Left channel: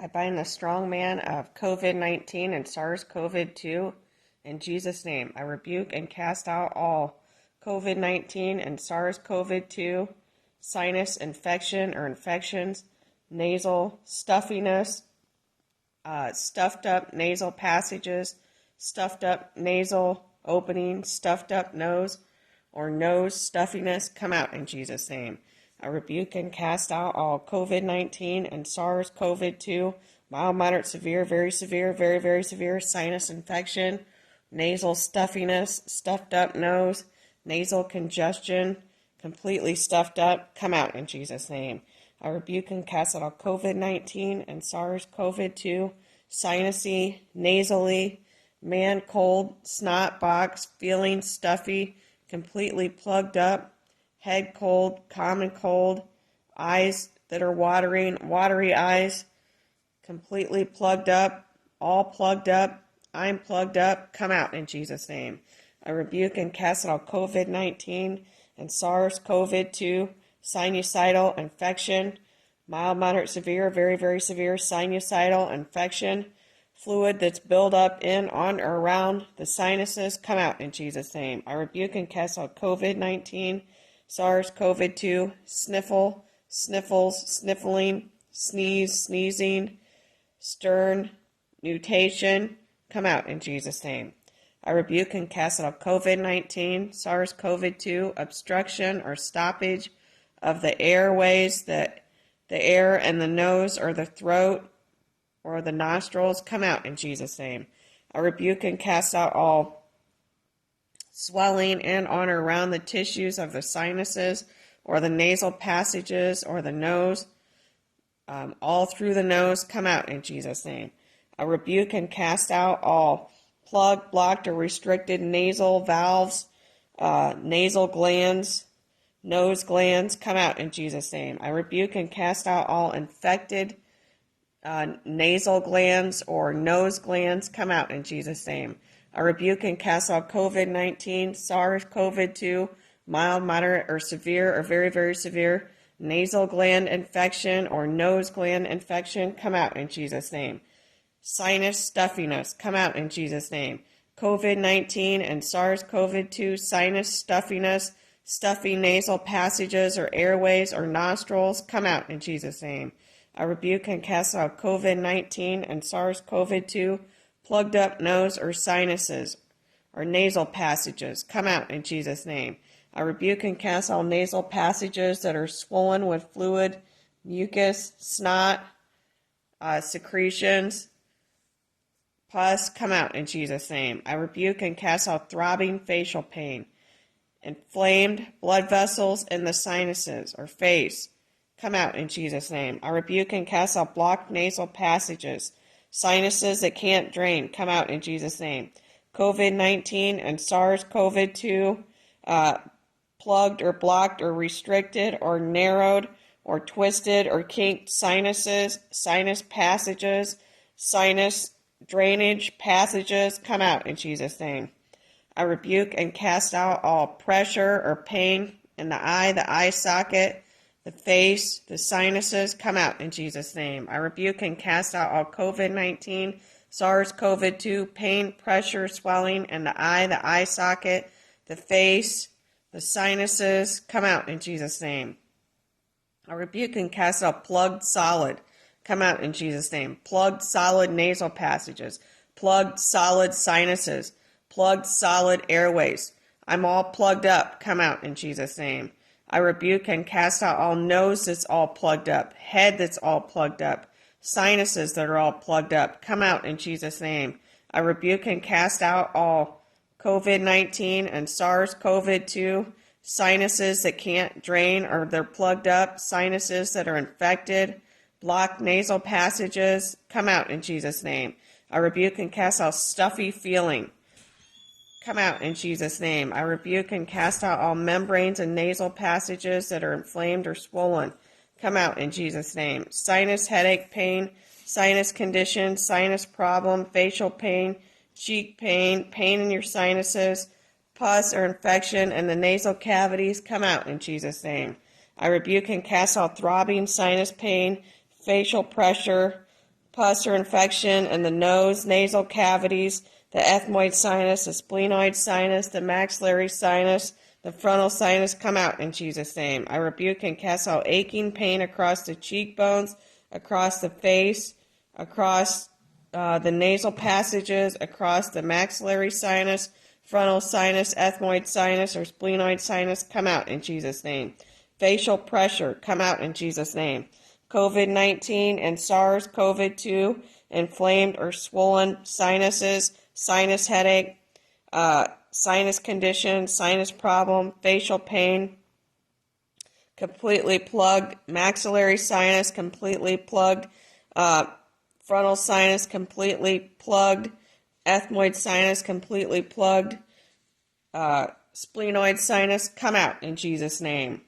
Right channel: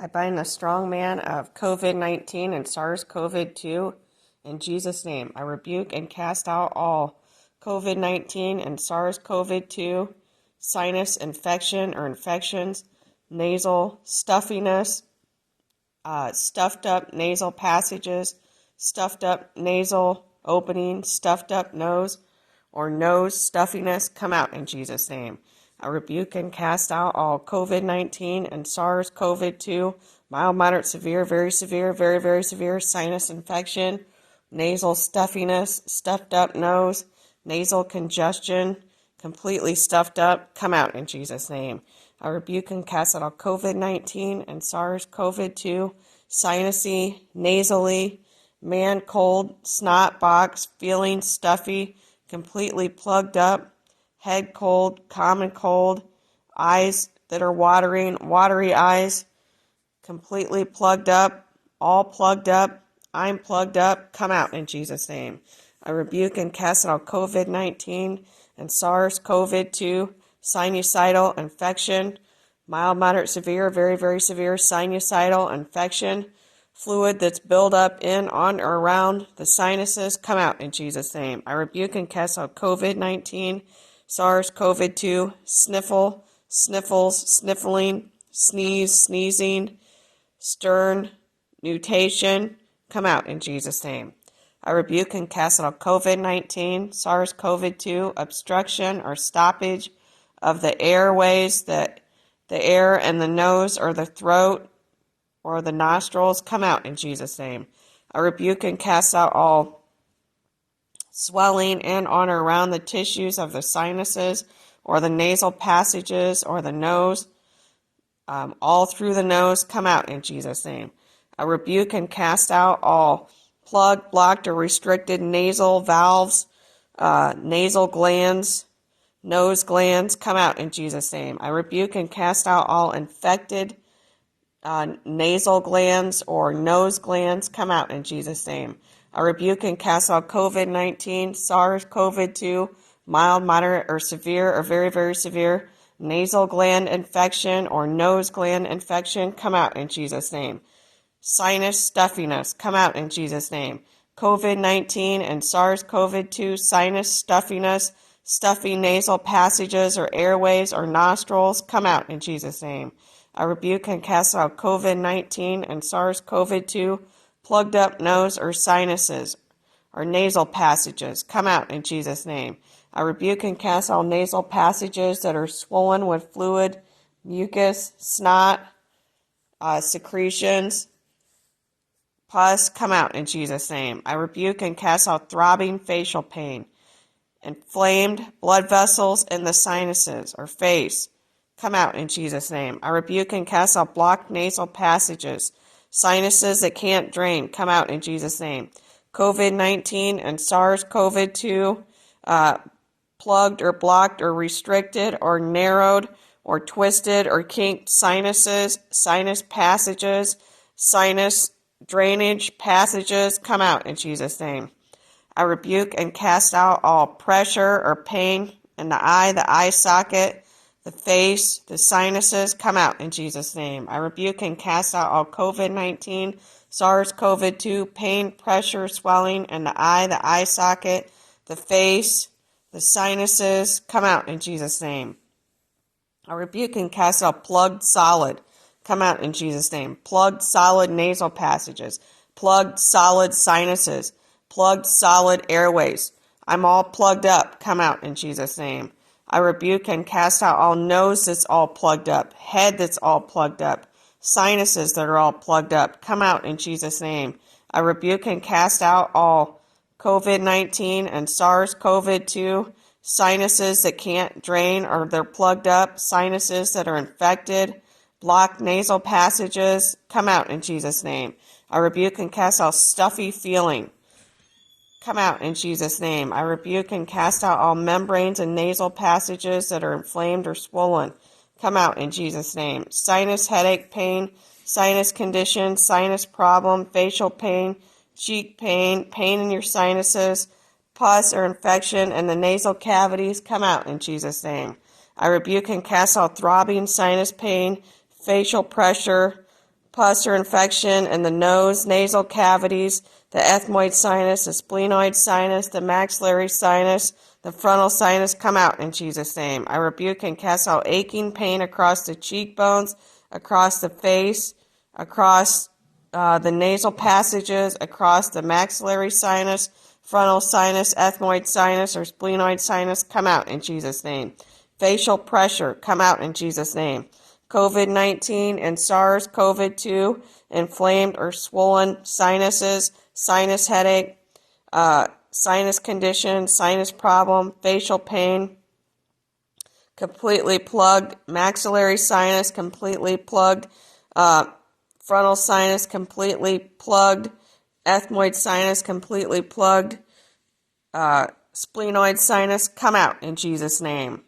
I bind the strong man of COVID-19 and SARS-CoV-2 in Jesus' name. I rebuke and cast out all COVID-19 and SARS-CoV-2, sinus infection or infections, nasal stuffiness, stuffed up nasal passages, stuffed up nasal opening, stuffed up nose, or nose stuffiness. Come out in Jesus' name. I rebuke and cast out all COVID-19 and SARS-CoV-2, mild, moderate, severe, very severe sinus infection, nasal stuffiness, stuffed up nose, nasal congestion, completely stuffed up. Come out in Jesus' name. I rebuke and cast out all COVID-19 and SARS-CoV-2, sinusy, nasally, man cold, snot box, feeling stuffy, completely plugged up, head cold, common cold, eyes that are watering, watery eyes, completely plugged up, all plugged up, I'm plugged up. Come out in Jesus' name. I rebuke and cast out COVID-19 and SARS-CoV-2, sinusoidal infection, mild, moderate, severe, very severe sinusoidal infection, fluid that's built up in, on, or around the sinuses. Come out in Jesus' name. I rebuke and cast out COVID-19, SARS-CoV-2, sniffle, sniffles, sniffling, sneeze, sneezing, stern, mutation. Come out in Jesus' name. I rebuke and cast out COVID-19, SARS-CoV-2, obstruction or stoppage of the airways, the air in the nose or the throat or the nostrils. Come out in Jesus' name. I rebuke and cast out all swelling in, on, or around the tissues of the sinuses or the nasal passages or the nose, all through the nose. Come out in Jesus' name. I rebuke and cast out all plugged, blocked, or restricted nasal valves, nasal glands, nose glands. Come out in Jesus' name. I rebuke and cast out all infected nasal glands or nose glands. Come out in Jesus' name. I rebuke and cast out COVID-19, SARS-CoV-2, mild, moderate, or severe, or very severe nasal gland infection or nose gland infection. Come out in Jesus' name. Sinus stuffiness. Come out in Jesus' name. COVID-19 and SARS-CoV-2, sinus stuffiness, stuffy nasal passages or airways or nostrils. Come out in Jesus' name. I rebuke and cast out COVID-19 and SARS-CoV-2, plugged up nose or sinuses or nasal passages. Come out in Jesus' name. I rebuke and cast all nasal passages that are swollen with fluid, mucus, snot, secretions, pus. Come out in Jesus' name. I rebuke and cast out throbbing facial pain, inflamed blood vessels in the sinuses or face. Come out in Jesus' name. I rebuke and cast out blocked nasal passages, sinuses that can't drain. Come out in Jesus' name. COVID-19 and SARS-CoV-2, plugged or blocked or restricted or narrowed or twisted or kinked sinuses, sinus passages, sinus drainage passages. Come out in Jesus' name. I rebuke and cast out all pressure or pain in the eye socket, the face, the sinuses. Come out in Jesus' name. I rebuke and cast out all COVID-19, SARS-CoV-2, pain, pressure, swelling in the eye socket, the face, the sinuses. Come out in Jesus' name. I rebuke and cast out plugged solid. Come out in Jesus' name. Plugged solid nasal passages, plugged solid sinuses, plugged solid airways. I'm all plugged up. Come out in Jesus' name. I rebuke and cast out all nose that's all plugged up, head that's all plugged up, sinuses that are all plugged up. Come out in Jesus' name. I rebuke and cast out all COVID-19 and SARS-CoV-2, sinuses that can't drain or they're plugged up, sinuses that are infected, blocked nasal passages. Come out in Jesus' name. I rebuke and cast out stuffy feeling. Come out in Jesus' name. I rebuke and cast out all membranes and nasal passages that are inflamed or swollen. Come out in Jesus' name. Sinus headache pain, sinus condition, sinus problem, facial pain, cheek pain, pain in your sinuses, pus or infection in the nasal cavities. Come out in Jesus' name. I rebuke and cast out throbbing sinus pain, facial pressure, pus or infection in the nose, nasal cavities, the ethmoid sinus, the splenoid sinus, the maxillary sinus, the frontal sinus, come out in Jesus' name. I rebuke and cast out aching pain across the cheekbones, across the face, across the nasal passages, across the maxillary sinus, frontal sinus, ethmoid sinus, or splenoid sinus, come out in Jesus' name. Facial pressure, come out in Jesus' name. COVID-19 and SARS-CoV-2, inflamed or swollen sinuses, sinus headache, sinus condition, sinus problem, facial pain, completely plugged, maxillary sinus completely plugged, frontal sinus completely plugged, ethmoid sinus completely plugged, splenoid sinus, come out in Jesus' name.